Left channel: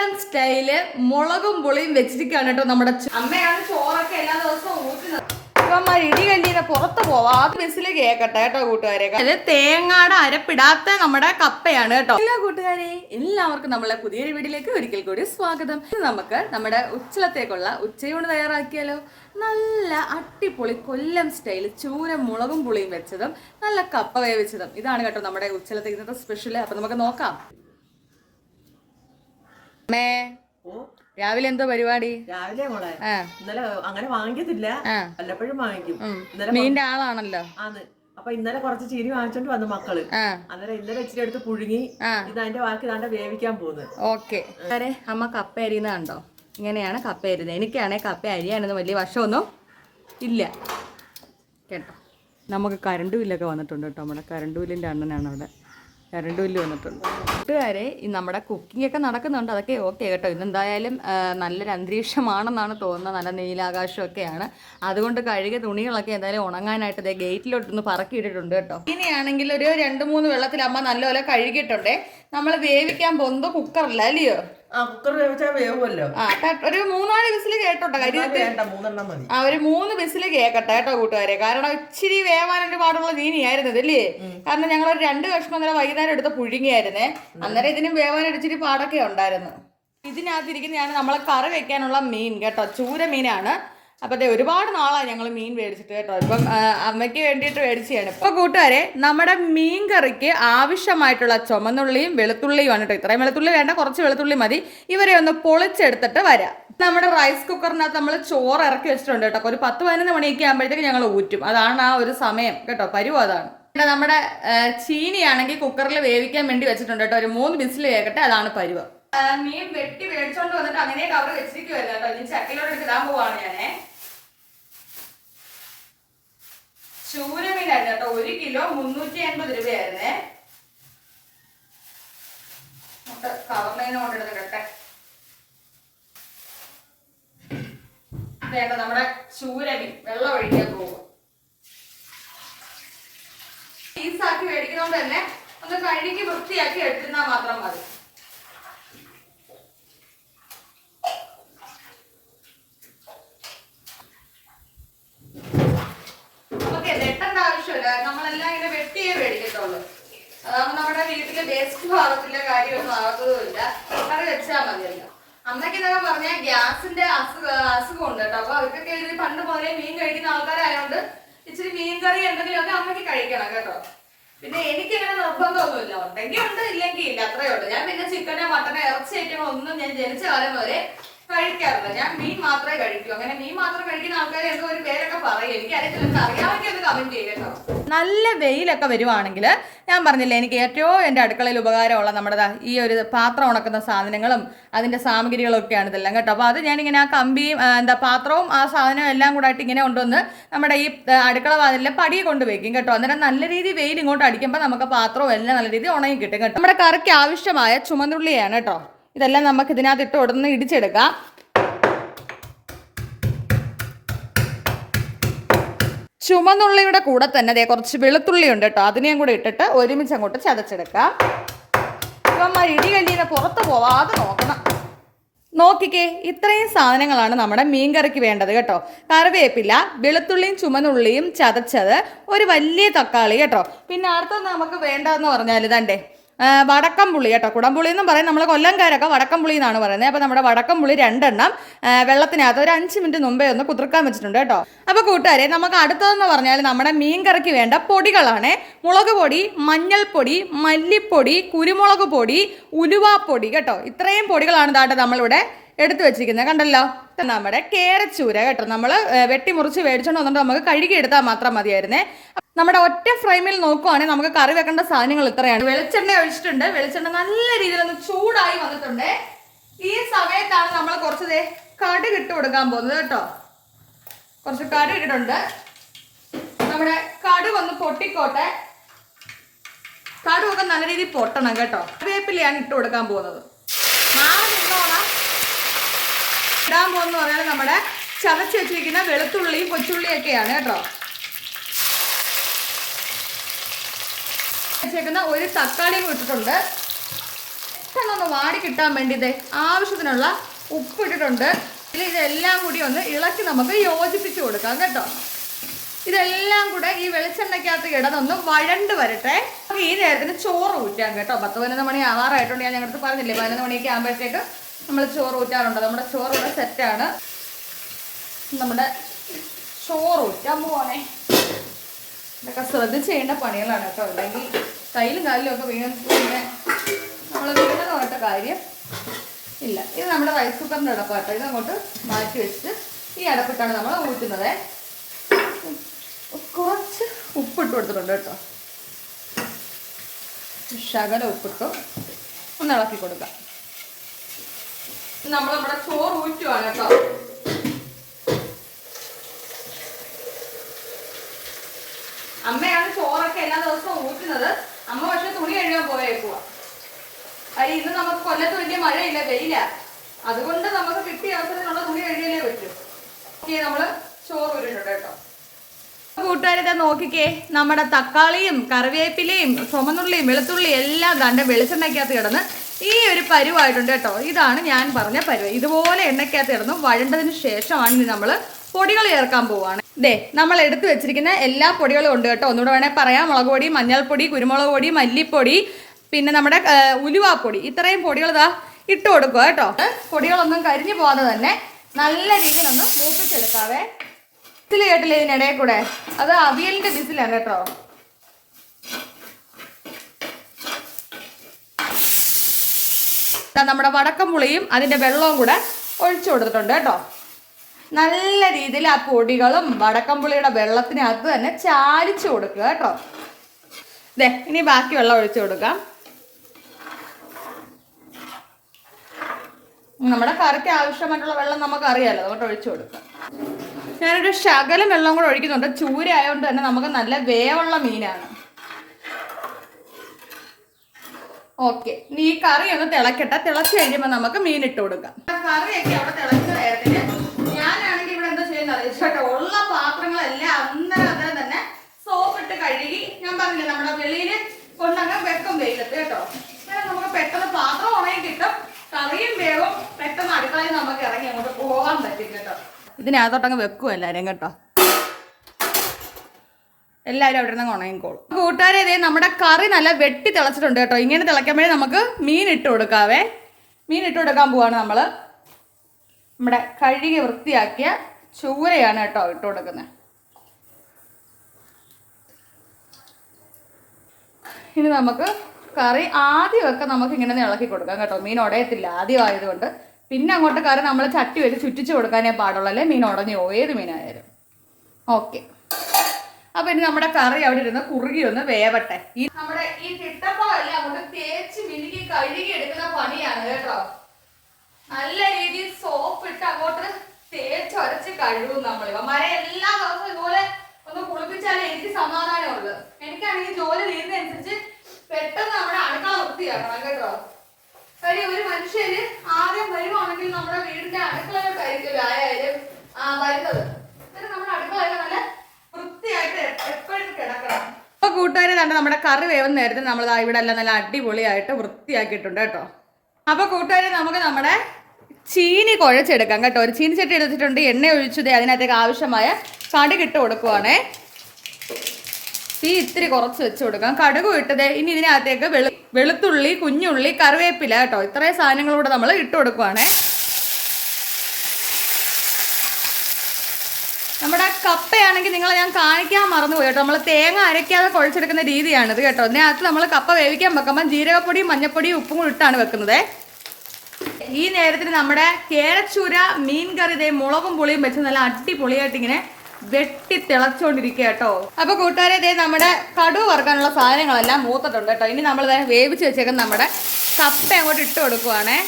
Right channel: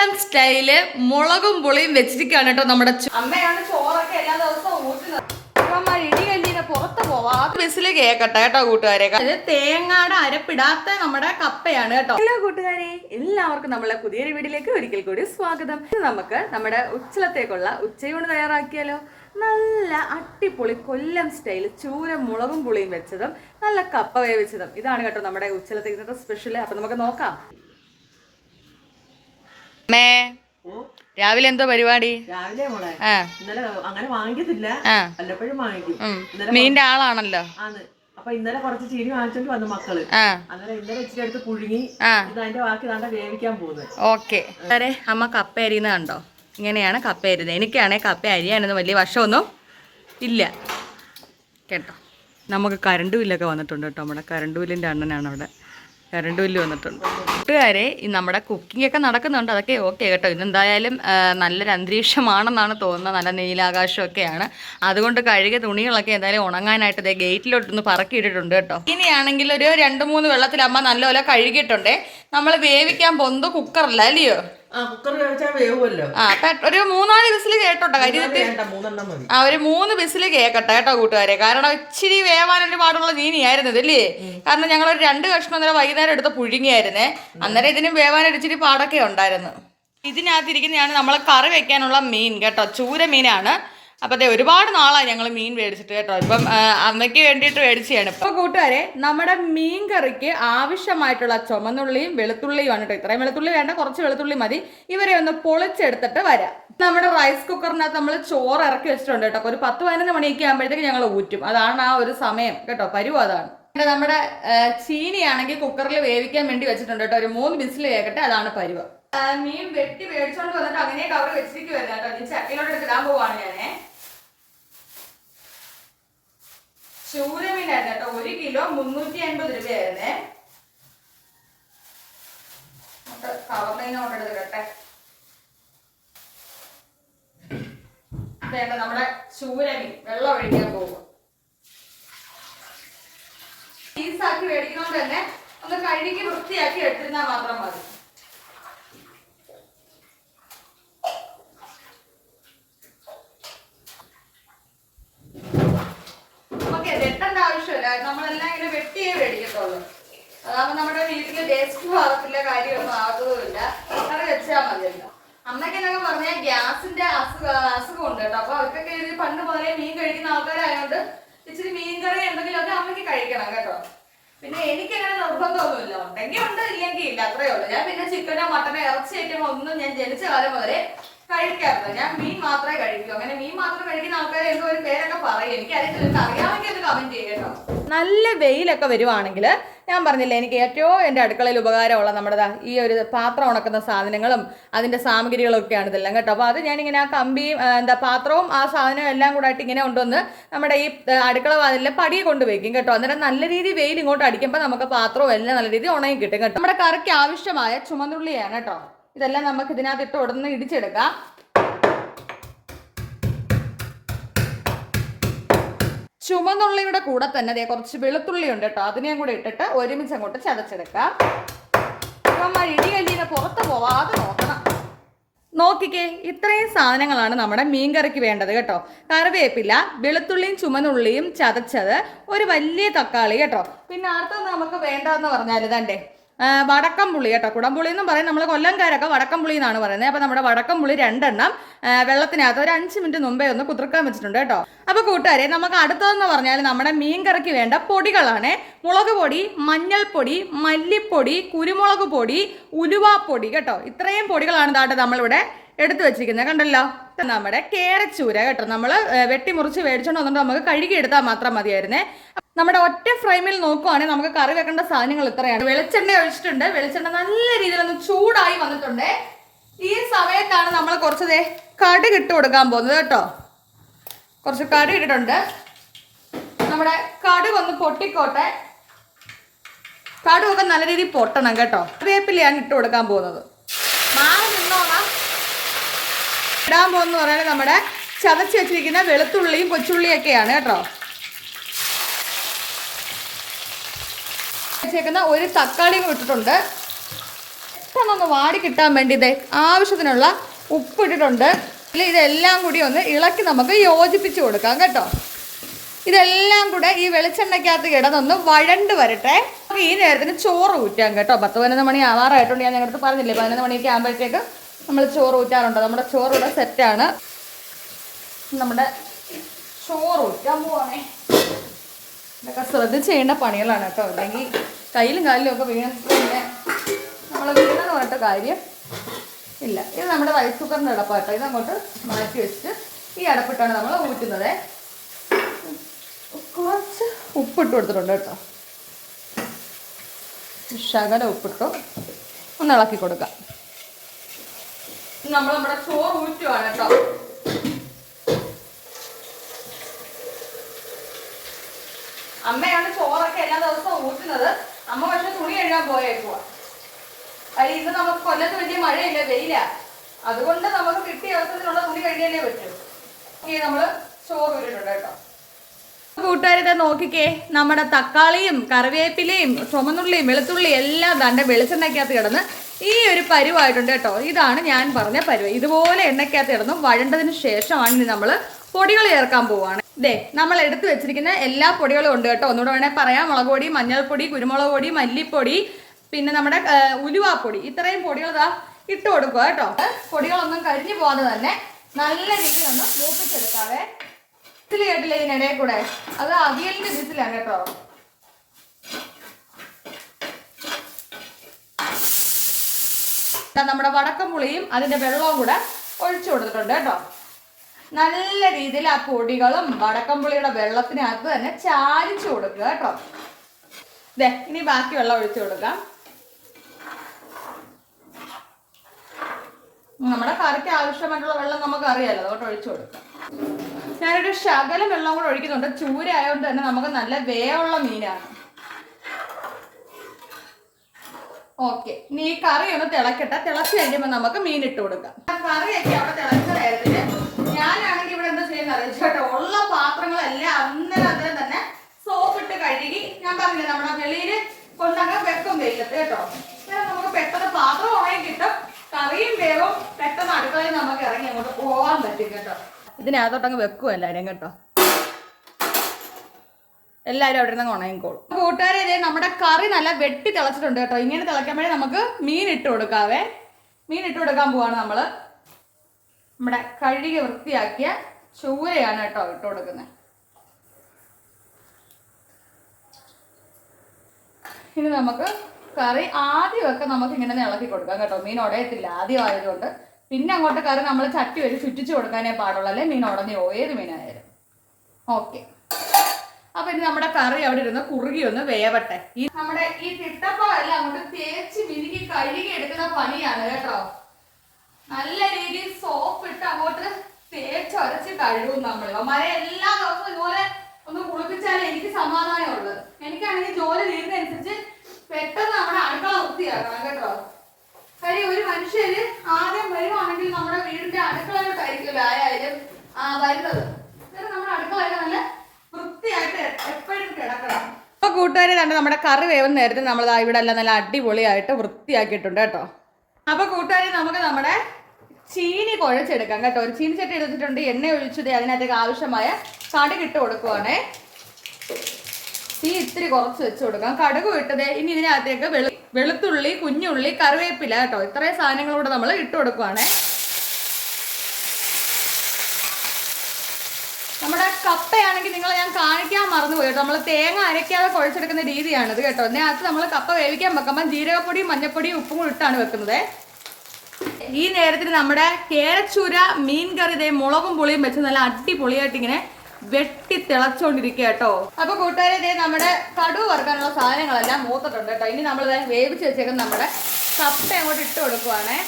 കൊല്ലം style മുളകും പുളിയും വെച്ചിരിക്കുകയാണ് കേട്ടോ. നമ്മുടെ അമ്മയാണ് ചോറൊക്കെ എല്ലാ ദിവസവും ഊറ്റുന്നത്. ഇടി കല്ലിനെ പുറത്ത് പോവാ ബസ്സിൽ കേക്കട്ടെ കേട്ടോ കൂട്ടുകാരെ. തേങ്ങാടെ അരപ്പിടാത്ത നമ്മുടെ കപ്പയാണ് കേട്ടോ. ഹലോ കൂട്ടുകാരെ, എല്ലാവർക്കും നമ്മളെ പുതിയൊരു വീഡിയോയിലേക്ക് ഒരിക്കൽ കൂടി സ്വാഗതം. നമുക്ക് നമ്മുടെ ഉച്ചലത്തേക്കുള്ള ഉച്ചയൂണ് തയ്യാറാക്കിയാലോ. നല്ല അടിപൊളി കൊല്ലം സ്റ്റൈൽ ചൂര മുളകും പുളിയും വെച്ചതും നല്ല കപ്പ വേവിച്ചതും ഇതാണ് കേട്ടോ നമ്മുടെ ഉച്ചലത്തെ ഇന്നത്തെ സ്പെഷ്യൽ. അപ്പൊ നമുക്ക് നോക്കാം. രാവിലെ എന്തോ പരിപാടി? അങ്ങനെ വാങ്ങിക്കത്തില്ല, വല്ലപ്പോഴും വാങ്ങിക്കും. മീന്റെ ആളാണല്ലോ. അപ്പൊ ഇന്നലെ കുറച്ച് ചീനി വാങ്ങിച്ചോണ്ട് വന്നു മക്കള്. അന്നേരം ഇന്നലെ ഇച്ചിരി എടുത്ത് പുഴുങ്ങി ഇതിന്റെ ബാക്കി വേവിക്കാൻ പോകുന്നത്. ഓക്കെ, അമ്മ കപ്പ അരിയുന്ന കണ്ടോ? ഇങ്ങനെയാണ് കപ്പ അരിയുന്നത്. എനിക്കാണെങ്കിൽ കപ്പ അരിയാനൊന്നും വലിയ വശമൊന്നും ഇല്ല കേട്ടോ. നമുക്ക് കറണ്ട് ബില്ലൊക്കെ വന്നിട്ടുണ്ട് കേട്ടോ. നമ്മുടെ കറണ്ട് ബില്ലിൻ്റെ അണ്ണനാണ് അവിടെ കറണ്ട് ബില്ല് വന്നിട്ടുണ്ട്. കൂട്ടുകാരെ, നമ്മുടെ കുക്കിംഗ് ഒക്കെ നടക്കുന്നുണ്ട്, അതൊക്കെ ഓക്കെ കേട്ടോ. ഇന്നെന്തായാലും നല്ലൊരു അന്തരീക്ഷമാണെന്നാണ് തോന്നുന്നത്. നല്ല നീലാകാശമൊക്കെയാണ്. അതുകൊണ്ട് കഴുകിയ തുണികളൊക്കെ എന്തായാലും ഉണങ്ങാനായിട്ട് ഇതേ ഗേറ്റിലോട്ടൊന്ന് പറക്കിയിട്ടിട്ടുണ്ട് കേട്ടോ. ഇനിയാണെങ്കിൽ ഒരു 2-3 വെള്ളത്തിൽ അമ്മ നല്ലപോലെ കഴുകിയിട്ടുണ്ടേ. നമ്മൾ വേവിക്കാൻ പോകുന്നത് കുക്കറില്ല അല്ലയോ? കുക്കർ വേവിച്ചാൽ വേവുമല്ലോ. ഒരു 3-4 വിസിൽ കേട്ടോട്ടെ. കാര്യത്തിൽ ഒരു 3 വിസിൽ കേക്കട്ടെ കേട്ടോ കൂട്ടുകാരെ. കാരണം ഇച്ചിരി വേവാനൊരു പാടുള്ള മീനിയായിരുന്നത് അല്ലേ? കാരണം ഞങ്ങളൊരു 2 കഷ്ണം അന്നേരം വൈകുന്നേരം എടുത്ത് പുഴുങ്ങിയായിരുന്നേ. അന്നേരം ഇതിനും വേവാനൊരു ഇച്ചിരി പാടൊക്കെ ഉണ്ടായിരുന്നു. ഇതിനകത്തിരിക്കുന്നതാണ് നമ്മളെ കറി വെക്കാനുള്ള മീൻ കേട്ടോ. ചൂര മീനാണ്. അപ്പം അതെ, ഒരുപാട് നാളായി ഞങ്ങൾ മീൻ മേടിച്ചിട്ട് കേട്ടോ. ഇപ്പം അമ്മയ്ക്ക് വേണ്ടിയിട്ട് മേടിച്ചാണ്. ഇപ്പം കൂട്ടുകാരെ, നമ്മുടെ മീൻ കറിക്ക് ആവശ്യമായിട്ടുള്ള ചുമന്നുള്ളിയും വെളുത്തുള്ളിയുമാണ് കേട്ടോ. ഇത്രയും വെളുത്തുള്ളി വേണ്ട, കുറച്ച് വെളുത്തുള്ളി മതി. ഇവരെ ഒന്ന് പൊളിച്ചെടുത്തിട്ട് വരാം. നമ്മുടെ റൈസ് കുക്കറിനകത്ത് നമ്മൾ ചോറ് ഇറക്കി വെച്ചിട്ടുണ്ട് കേട്ടോ. ഒരു 10-11 മണിയൊക്കെ ആകുമ്പോഴത്തേക്ക് ഞങ്ങൾ ഊറ്റും. അതാണ് ആ ഒരു സമയം കേട്ടോ. പരുവം അതാണ്. നമ്മുടെ ചീനിയാണെങ്കിൽ കുക്കറിൽ വേവിക്കാൻ വേണ്ടി വെച്ചിട്ടുണ്ട് കേട്ടോ. ഒരു 3 വിസിൽ കേൾക്കട്ടെ, അതാണ് പരുവം. മീൻ വെട്ടി മേടിച്ചോണ്ട് വന്നിട്ട് അങ്ങനെ കവർ വെച്ചിരിക്കുവായിരുന്നു കേട്ടോ. ഇനി ചക്കയിലോട്ട് എടുത്തിടാൻ പോവാണ് ഞാനേ. ചൂരമീനായിരുന്നു കേട്ടോ. 1 കിലോ 350 രൂപയായിരുന്നേ. കവറിനെ കൊണ്ടെടുത്ത് കേട്ടെ. വേണ്ട, നമ്മുടെ ചൂരമീൻ വെള്ളം ഒഴിക്കാൻ പോകും. പീസാക്കി മേടിക്കുന്നോണ്ട് തന്നെ ഒന്ന് കഴുകി വൃത്തിയാക്കി എടുത്തിരുന്നാൽ മാത്രം മതി. നമ്മളെല്ലാം ഇങ്ങനെ വെട്ടിയേ മേടിക്കത്തുള്ളൂ. അതാകുമ്പോൾ നമ്മുടെ വീട്ടില് വേസ്റ്റ് ഭാഗത്തില്ല, കാര്യമൊന്നും ആകുന്നുമില്ല. കറി വെച്ചാൽ മതിയല്ലോ. അമ്മയ്ക്ക് എന്നൊക്കെ പറഞ്ഞാൽ ഗ്യാസിന്റെ അസുഖം ഉണ്ട് കേട്ടോ. അപ്പൊ അവർക്കൊക്കെ ഇത് പണ്ട് മുതലേ മീൻ കഴിക്കുന്ന ആൾക്കാരായതുകൊണ്ട് ഇച്ചിരി മീൻ കറി എന്തെങ്കിലുമൊക്കെ അമ്മയ്ക്ക് കഴിക്കണം കേട്ടോ. പിന്നെ എനിക്കങ്ങനെ നിർബന്ധമൊന്നുമില്ല. ഉണ്ടെങ്കിൽ ഉണ്ട്, ഇല്ലെങ്കിൽ ഇല്ല, അത്രയേ ഉള്ളൂ. ഞാൻ പിന്നെ ചിക്കനോ മട്ടനോ ഇറച്ചി ഐറ്റങ്ങളൊന്നും ഞാൻ ജനിച്ച കാലം മുതലേ കഴിക്കാറില്ല. ഞാൻ മീൻ മാത്രമേ കഴിക്കൂ. അങ്ങനെ മീൻ മാത്രം കഴിക്കുന്ന ആൾക്കാരെ എന്തോ ഒരു പേരൊക്കെ പറയും. എനിക്ക് അറിയത്തില്ല, അറിയാമെങ്കിൽ ഒന്ന് കമന്റ് ചെയ്യും കേട്ടോ. നല്ല വെയിലൊക്കെ വരുവാണെങ്കിൽ ഞാൻ പറഞ്ഞില്ലേ, എനിക്ക് ഏറ്റവും എൻ്റെ അടുക്കളയിൽ ഉപകാരമുള്ള നമ്മുടെ ഈ ഒരു പാത്രം ഉണക്കുന്ന സാധനങ്ങളും അതിൻ്റെ സാമഗ്രികളും ഒക്കെയാണ് ഇതെല്ലാം കേട്ടോ. അപ്പോൾ അത് ഞാനിങ്ങനെ ആ കമ്പിയും പാത്രവും ആ സാധനവും എല്ലാം കൂടെ ആയിട്ട് ഇങ്ങനെ കൊണ്ടുവന്ന് നമ്മുടെ ഈ അടുക്കള വാതിലിലെ പടിയെ കൊണ്ട് വയ്ക്കും കേട്ടോ. അന്നേരം നല്ല രീതിയിൽ വെയിൽ ഇങ്ങോട്ട് അടിക്കുമ്പോൾ നമുക്ക് പാത്രവും എല്ലാം നല്ല രീതിയിൽ ഉണങ്ങി കിട്ടും കേട്ടോ. നമ്മുടെ കറിക്ക് ആവശ്യമായ ചുമന്നുള്ളിയാണ് കേട്ടോ. ഇതെല്ലാം നമുക്ക് ഇതിനകത്ത് ഇട്ട് ഉടനെ ഇടിച്ചെടുക്കാം. ചുമന്നുള്ളിയുടെ കൂടെ തന്നെ അതേ കുറച്ച് വെളുത്തുള്ളി ഉണ്ട് കേട്ടോ. അതിനെയും കൂടെ ഇട്ടിട്ട് ഒരുമിച്ച് അങ്ങോട്ട് ചതച്ചെടുക്കാം. ഇടികല്ലിനെ പുറത്ത് പോവാതെ നോക്കണം. നോക്കിക്കേ, ഇത്രയും സാധനങ്ങളാണ് നമ്മുടെ മീൻകറിക്ക് വേണ്ടത് കേട്ടോ. കറിവേപ്പില, വെളുത്തുള്ളിയും ചുമന്നുള്ളിയും ചതച്ചത്, ഒരു വലിയ തക്കാളി കേട്ടോ. പിന്നെ അടുത്തത് നമുക്ക് വേണ്ടതെന്ന് പറഞ്ഞാൽ ഇതണ്ടേ വടക്കംപുളി കേട്ടോ. കുടംപുളി എന്നും പറയും, നമ്മൾ കൊല്ലംകാരൊക്കെ വടക്കംപുളി എന്നാണ് പറയുന്നത്. അപ്പോൾ നമ്മുടെ വടക്കംപുളി 2 എണ്ണം വെള്ളത്തിനകത്ത് ഒരു 5 മിനിറ്റ് മുമ്പേ ഒന്ന് കുതിർക്കാൻ വെച്ചിട്ടുണ്ട് കേട്ടോ. അപ്പോൾ കൂട്ടുകാരെ, നമുക്ക് അടുത്തതെന്ന് പറഞ്ഞാൽ നമ്മുടെ മീൻ കറിക്ക് വേണ്ട പൊടികളാണ്. മുളക് പൊടി, മഞ്ഞൾപ്പൊടി, മല്ലിപ്പൊടി, കുരുമുളക് പൊടി, ഉലുവാപ്പൊടി കേട്ടോ. ഇത്രയും പൊടികളാണ് ഇതായിട്ട് നമ്മളിവിടെ എടുത്തു വെച്ചിരിക്കുന്നത് കണ്ടല്ലോ. നമ്മുടെ കേരച്ചൂര കേട്ടോ. നമ്മൾ വെട്ടിമുറിച്ച് മേടിച്ചോണ്ട് വന്നിട്ട് നമുക്ക് കഴുകി എടുത്താൽ മാത്രം മതിയായിരുന്നേ. നമ്മുടെ ഒറ്റ ഫ്രെയിമിൽ നോക്കുവാണെങ്കിൽ നമുക്ക് കറി വെക്കേണ്ട സാധനങ്ങൾ ഇത്രയാണ്. വെളിച്ചെണ്ണ ഒഴിച്ചിട്ടുണ്ട്. വെളിച്ചെണ്ണ നല്ല രീതിയിലൊന്ന് ചൂടായി വന്നിട്ടുണ്ട്. ഈ സമയത്താണ് നമ്മൾ കുറച്ച് കടുക് ഇട്ട് കൊടുക്കാൻ പോകുന്നത് കേട്ടോ. കുറച്ച് കടുക് ഇട്ടിട്ടുണ്ട്. നമ്മുടെ കടുക് ഒന്ന് പൊട്ടിക്കോട്ടെ. കടുകൊക്കെ നല്ല രീതിയിൽ പൊട്ടണം കേട്ടോ. കറിവേപ്പിലയാണ് ഇട്ട് കൊടുക്കാൻ പോകുന്നത്. ഇടാൻ പോകുന്ന പറഞ്ഞാൽ നമ്മുടെ ചതച്ച് വെച്ചിരിക്കുന്ന വെളുത്തുള്ളിയും കൊച്ചുള്ളിയൊക്കെയാണ് കേട്ടോ. വെച്ചേക്കുന്ന ഒരു തക്കാളിയും ഇട്ടിട്ടുണ്ട്. പെട്ടെന്നൊന്ന് വാടി കിട്ടാൻ വേണ്ടി ഇതേ ആവശ്യത്തിനുള്ള ഉപ്പ് ഇട്ടിട്ടുണ്ട്. ഇതെല്ലാം കൂടി ഒന്ന് ഇളക്കി നമുക്ക് യോജിപ്പിച്ച് കൊടുക്കാം കേട്ടോ. ഇതെല്ലാം കൂടെ ഈ വെളിച്ചെണ്ണയ്ക്കകത്ത് കിടന്നൊന്ന് വഴണ്ട് വരട്ടെ. നമുക്ക് ഈ നേരത്തിന് ചോറ് ഊറ്റാം കേട്ടോ. 10-11 മണി ആവാറായിട്ടുണ്ട്. ഞാൻ ഞങ്ങളുടെ പറഞ്ഞില്ലേ 11 മണിയൊക്കെ ആകുമ്പോഴത്തേക്ക് നമ്മൾ ചോറ് ഊറ്റാറുണ്ട്. നമ്മുടെ ചോറ് ഇവിടെ സെറ്റാണ്. നമ്മുടെ ചോറ് ഊറ്റാൻ പോവാണേ. ഇതൊക്കെ ശ്രദ്ധിച്ച് ചെയ്യേണ്ട പണികളാണ് കേട്ടോ. അല്ലെങ്കിൽ കയ്യിലും കാലിലും ഒക്കെ വീണ് പിന്നെ നമ്മൾ വീണെന്ന് കാര്യം ഇല്ല. ഇത് നമ്മുടെ റൈസ് കുക്കറിൻ്റെ അടപ്പാട്ടോ. ഇത് അങ്ങോട്ട് മാറ്റി വെച്ചിട്ട് ഈ അടപ്പിട്ടാണ് നമ്മൾ ഊറ്റുന്നത്. കുറച്ച് ഉപ്പിട്ട് കൊടുത്തിട്ടുണ്ട് കേട്ടോ. ശകലം ഉപ്പിട്ടു ഒന്ന് ഇളക്കി കൊടുക്കാം. നമ്മൾ നമ്മുടെ ചോറ് ഊറ്റുവാണ് കേട്ടോ. അമ്മയാണ് ചോറൊക്കെ എല്ലാ ദിവസവും ഊറ്റുന്നത്. അമ്മ പക്ഷെ തുണി കഴുകാൻ പോയേക്കുക. അത് ഇന്ന് നമുക്ക് കൊല്ലത്ത് വലിയ മഴയില്ല, വെയില. അതുകൊണ്ട് നമുക്ക് കിട്ടിയ അവസരത്തിനുള്ള തുണി കഴുകിയാലേ പറ്റും. നമ്മള് ചോറ് ഊറ്റിട്ടുണ്ട് കേട്ടോ. കൂട്ടുകാരിത് നോക്കിക്കേ, നമ്മുടെ തക്കാളിയും കറിവേപ്പിലയും ചുമന്നുള്ളിയും വെളുത്തുള്ളിയും എല്ലാം തൻ്റെ വെളിച്ചെണ്ണയ്ക്കകത്ത് കിടന്ന് ഈ ഒരു പരുവായിട്ടുണ്ട് കേട്ടോ. ഇതാണ് ഞാൻ പറഞ്ഞ പരുവ്. ഇതുപോലെ എണ്ണയ്ക്കകത്ത് കിടന്നു വഴണ്ടതിന് ശേഷമാണ് ഇനി നമ്മൾ പൊടികൾ ചേർക്കാൻ പോവുകയാണ്. ദേ നമ്മൾ എടുത്തു വെച്ചിരിക്കുന്ന എല്ലാ പൊടികളും ഉണ്ട് കേട്ടോ. ഒന്നുകൂടെ വേണേൽ പറയാം. മുളക് പൊടി, മഞ്ഞൾപ്പൊടി, കുരുമുളക് പൊടി, മല്ലിപ്പൊടി, പിന്നെ നമ്മുടെ ഉലുവാപ്പൊടി, ഇത്രയും പൊടികൾ ഇതാ ഇട്ട് കൊടുക്കുക കേട്ടോ. പൊടികളൊന്നും കരിഞ്ഞു പോകാതെ തന്നെ നല്ല രീതിയിലൊന്ന് മൂപ്പിച്ചെടുക്കാവേ. വിസിൽ കേട്ടില്ലേ ഇതിനിടയിൽ കൂടെ? അത് അവിയലിന്റെ വിസിലാണ് കേട്ടോ. നമ്മുടെ വടക്കംപുളിയും അതിന്റെ വെള്ളവും കൂടെ ഒഴിച്ചു കൊടുത്തിട്ടുണ്ട് കേട്ടോ. നല്ല രീതിയിൽ ആ പൊടികളും വടക്കംപുളിയുടെ വെള്ളത്തിനകത്ത് തന്നെ ചാലിച്ചു കൊടുക്കുക കേട്ടോ. ദേ ഇനി ബാക്കി വെള്ളം ഒഴിച്ചു കൊടുക്കാം. നമ്മുടെ കറിക്ക് ആവശ്യമായിട്ടുള്ള വെള്ളം നമുക്ക് അറിയാലോ, അതുകൊണ്ട് ഒഴിച്ചു കൊടുക്കാം. ഞാനൊരു ശകലം വെള്ളം കൂടെ ഒഴിക്കുന്നുണ്ട്. ചൂര ആയതുകൊണ്ട് തന്നെ നമുക്ക് നല്ല വേവുള്ള മീനാണ്. ഓക്കെ, ഇനി ഈ കറി ഒന്ന് തിളക്കട്ടെ. തിളച്ച് കഴിയുമ്പോൾ നമുക്ക് മീൻ ഇട്ട് കൊടുക്കാം. കറിയൊക്കെ അവിടെ തിളക്കുന്ന നേരത്തിന് ഞാനാണെങ്കിൽ ഇവിടെ എന്താ ചെയ്യുന്നത് അറിയിച്ചോട്ടെ, ഉള്ള പാത്രങ്ങളെല്ലാം അന്നേരം തന്നെ സോപ്പിട്ട് കഴുകി, ഞാൻ പറഞ്ഞില്ലേ നമ്മുടെ വെളിയിൽ കൊണ്ടങ്ങ് വെക്കും വെയിലത്ത് കേട്ടോ. നമുക്ക് പെട്ടെന്ന് പാത്രം ഉണങ്ങി കിട്ടും, കറിയും വേവും പെട്ടെന്ന് അടുക്കളയിൽ നമുക്ക് ഇറങ്ങി അങ്ങോട്ട് പോകാൻ പറ്റും കേട്ടോ. ഇതിനകത്തോട്ടങ്ങ് വെക്കും എല്ലാവരും കേട്ടോ. എല്ലാവരും അവിടെ നിന്ന് ഉണങ്ങിക്കോളും. കൂട്ടുകാരെ ഇതേ നമ്മുടെ കറി നല്ല വെട്ടി തിളച്ചിട്ടുണ്ട് കേട്ടോ. ഇങ്ങനെ തിളയ്ക്കുമ്പോഴേ നമുക്ക് മീൻ ഇട്ട് കൊടുക്കാവേ. മീൻ ഇട്ട് കൊടുക്കാൻ പോവാണ് നമ്മൾ. നമ്മുടെ കഴുകി വൃത്തിയാക്കിയ ചൂരയാണ് കേട്ടോ ഇട്ട് കൊടുക്കുന്നത്. ഇനി നമുക്ക് കറി ആദ്യമൊക്കെ നമുക്ക് ഇങ്ങനെ ഇളക്കി കൊടുക്കാം കേട്ടോ. മീൻ ഉടയത്തില്ല ആദ്യം ആയതുകൊണ്ട്. പിന്നെ അങ്ങോട്ട് കറി നമ്മൾ ചട്ടി വെച്ച് ചുറ്റിച്ച് കൊടുക്കാനേ പാടുള്ളൂ, അല്ലേ മീൻ ഉടഞ്ഞു പോകും, ഏത് മീനായാലും. ഓക്കെ, അപ്പൊ ഇനി നമ്മുടെ കറി അവിടെ ഇരുന്ന് കുറുകി ഒന്ന് വേവട്ടെ. ഈ നമ്മുടെ ഈ തിട്ടപ്പാലെല്ലാം അങ്ങോട്ട് തേച്ച് മിനുക്കി കഴുകി എടുക്കുന്ന പണിയാണ് കേട്ടോ. നല്ല രീതിയിൽ സോപ്പ് ഇട്ട് അങ്ങോട്ട് തേച്ചൊരച്ച് കഴുകും നമ്മൾ. ഇവന്മാരെ എല്ലാ ദിവസവും ഇതുപോലെ ഒന്ന് കുളിപ്പിച്ചാലേ എനിക്ക് സമാധാനമുള്ളു. എനിക്കാണെങ്കിൽ ജോലി തീരുന്നതനുസരിച്ച് പെട്ടെന്ന് നമ്മുടെ അടുക്കള വൃത്തിയാക്കണം കേട്ടോ. കാര്യം ഒരു മനുഷ്യര് ആദ്യം വരുവാണെങ്കിൽ നമ്മുടെ വീടിന്റെ അടുക്കളയിലോട്ടായിരിക്കുമല്ലോ ആയാലും വരുന്നത്. നമ്മുടെ അടുക്കളയൊക്കെ നല്ല വൃത്തിയായിട്ട് എപ്പോഴും കിടക്കണം. അപ്പൊ കൂട്ടുകാരെ കണ്ട് നമ്മുടെ കറി വേവുന്ന നേരത്തെ നമ്മൾ ഇവിടെ എല്ലാം നല്ല അടിപൊളിയായിട്ട് വൃത്തിയാക്കിയിട്ടുണ്ട് കേട്ടോ. അപ്പൊ കൂട്ടുകാരെ നമുക്ക് നമ്മുടെ ചീനി കുഴച്ചെടുക്കാം കേട്ടോ. ഒരു ചീനി ചട്ടി എടുത്തിട്ടുണ്ട്, എണ്ണ ഒഴിച്ചത് അതിനകത്തേക്ക് ആവശ്യമായ കടുക് ഇട്ട് കൊടുക്കുവാണേ. തീ ഇത്തിരി കുറച്ച് വെച്ച് കൊടുക്കാം. കടുക് ഇട്ടത് ഇനി ഇതിനകത്തേക്ക് വെളുത്തുള്ളി, കുഞ്ഞുള്ളി, കറിവേപ്പില കേട്ടോ, ഇത്രയും സാധനങ്ങളൂടെ നമ്മൾ ഇട്ട് കൊടുക്കുവാണേ. നമ്മുടെ കപ്പയാണെങ്കിൽ നിങ്ങളെ ഞാൻ കാണിക്കാൻ മറന്നുപോയി കേട്ടോ. നമ്മൾ തേങ്ങ അരയ്ക്കാതെ കുഴച്ചെടുക്കുന്ന രീതിയാണിത് കേട്ടോ. ഇതിനകത്ത് നമ്മൾ കപ്പ വേവിക്കാൻ വെക്കുമ്പോൾ ജീരകപ്പൊടിയും മഞ്ഞപ്പൊടിയും ഉപ്പും കൂടി ഇട്ടാണ് വെക്കുന്നത്. ഈ നേരത്തിന് നമ്മുടെ കേരച്ചൂര മീൻ കറി ഇതേ മുളകും പുളിയും വെച്ച് നല്ല അടിപൊളിയായിട്ട് ഇങ്ങനെ വെട്ടി തിളച്ചോണ്ടിരിക്കുക കേട്ടോ. അപ്പൊ കൂട്ടുകാരെ ഇതേ നമ്മുടെ കടുക് വറുക്കാനുള്ള സാധനങ്ങളെല്ലാം മൂത്തിട്ടുണ്ട് കേട്ടോ. ഇനി നമ്മൾ വേവിച്ച് വെച്ചേക്കുന്ന നമ്മുടെ കപ്പ അങ്ങോട്ട് ഇട്ട് കൊടുക്കുവാണേ.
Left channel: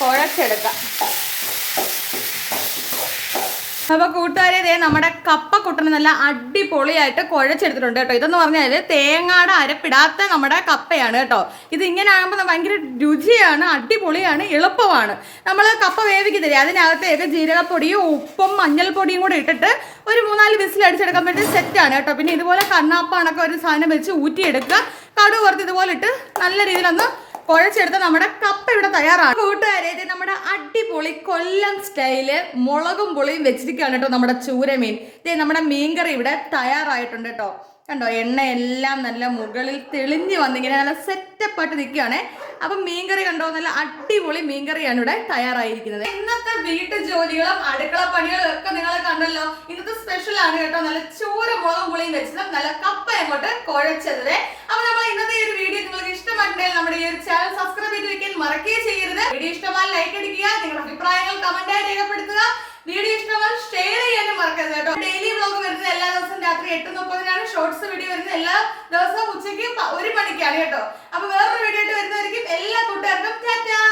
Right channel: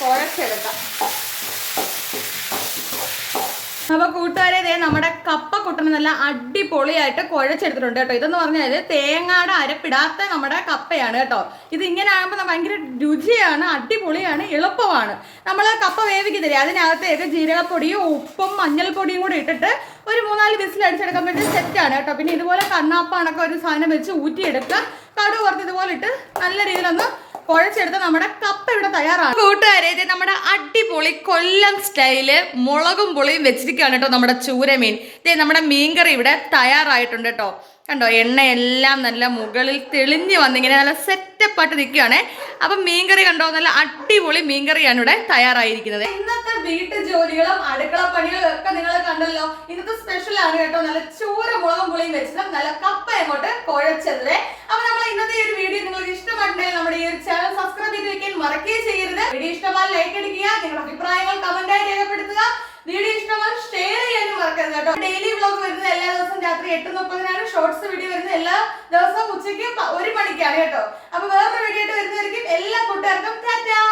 കുഴച്ചെടുക്കാം. അപ്പൊ കൂട്ടുകാരെ ഇതേ നമ്മുടെ കപ്പ കുട്ടന് നല്ല അടിപൊളിയായിട്ട് കുഴച്ചെടുത്തിട്ടുണ്ട് കേട്ടോ. ഇതെന്ന് പറഞ്ഞാൽ തേങ്ങയുടെ അരപ്പിടാത്ത നമ്മുടെ കപ്പയാണ് കേട്ടോ. ഇത് ഇങ്ങനെ ആകുമ്പോൾ ഭയങ്കര രുചിയാണ്, അടിപൊളിയാണ്, എളുപ്പമാണ്. നമ്മൾ കപ്പ വേവിക്കുന്നില്ലേ, അതിനകത്തേക്ക് ജീരകപ്പൊടിയും ഉപ്പും മഞ്ഞൾപ്പൊടിയും കൂടി ഇട്ടിട്ട് ഒരു 3-4 വിസിൽ അടിച്ചെടുക്കാൻ വേണ്ടി സെറ്റാണ് കേട്ടോ. പിന്നെ ഇതുപോലെ കണ്ണാപ്പാണൊക്കെ ഒരു സാധനം വെച്ച് ഊറ്റിയെടുക്കുക. കടുക് വറുത്ത് ഇതുപോലെ ഇട്ട് നല്ല രീതിയിലൊന്ന് കുഴച്ചെടുത്ത് നമ്മുടെ കപ്പ ഇവിടെ തയ്യാറാണ് കൂട്ടുകാരെ. ഇത് നമ്മുടെ അടിപൊളി കൊല്ലം സ്റ്റൈല് മുളകും പുളിയും വെച്ചിരിക്കുകയാണ് കേട്ടോ നമ്മുടെ ചൂരമീൻ. ഇതേ നമ്മുടെ മീൻകറി ഇവിടെ തയ്യാറായിട്ടുണ്ട് കേട്ടോ. കണ്ടോ, എണ്ണയെല്ലാം നല്ല മുകളിൽ തെളിഞ്ഞ് വന്നിങ്ങനെ നല്ല സെറ്റപ്പായിട്ട് നിൽക്കുകയാണേ. അപ്പം മീൻകറി കണ്ടോ, നല്ല അടിപൊളി മീൻകറിയാണ് ഇവിടെ തയ്യാറായിരിക്കുന്നത്. ഇന്നത്തെ വീട്ടു ജോലികളും അടുക്കള പണികളും ഒക്കെ നിങ്ങൾ കണ്ടല്ലോ. ഇന്നത്തെ സ്പെഷ്യൽ ആണ് കേട്ടോ, നല്ല ചൂര മുളകും പുളിയും വെച്ചത് നല്ല കപ്പ അങ്ങോട്ട് കുഴച്ചത്. അപ്പൊ നമ്മൾ ഇന്നത്തെ ഈ ഒരു വീഡിയോ നിങ്ങൾക്ക് ഇഷ്ടമായിട്ടുണ്ടെങ്കിൽ നമ്മുടെ ഈ ഒരു ചാനൽ സബ്സ്ക്രൈബ് ചെയ്ത് വെക്കാൻ മറക്കുകയും ചെയ്യരുത്. വീഡിയോ ഇഷ്ടമായി ലൈക്ക് അടിക്കുക, നിങ്ങളുടെ അഭിപ്രായങ്ങൾ കമന്റായി രേഖപ്പെടുത്തുക. വീഡിയോ ഇഷ്ടമായി ഷെയർ ചെയ്യാനും മറക്കരുത് കേട്ടോ. ഡെയിലി വ്ലോഗ് വരുന്നത് എല്ലാ ദിവസവും രാത്രി 8:30 ഷോർട്സ് വീഡിയോ വരുന്നത് എല്ലാ ദിവസവും ഉച്ചയ്ക്ക് 1 മണിക്കാണ് കേട്ടോ. അപ്പൊ വേറൊരു വീഡിയോ ആയിട്ട് വരുന്നതായിരിക്കും. എല്ലാ കൂട്ടുകാർക്കും ടാറ്റാ.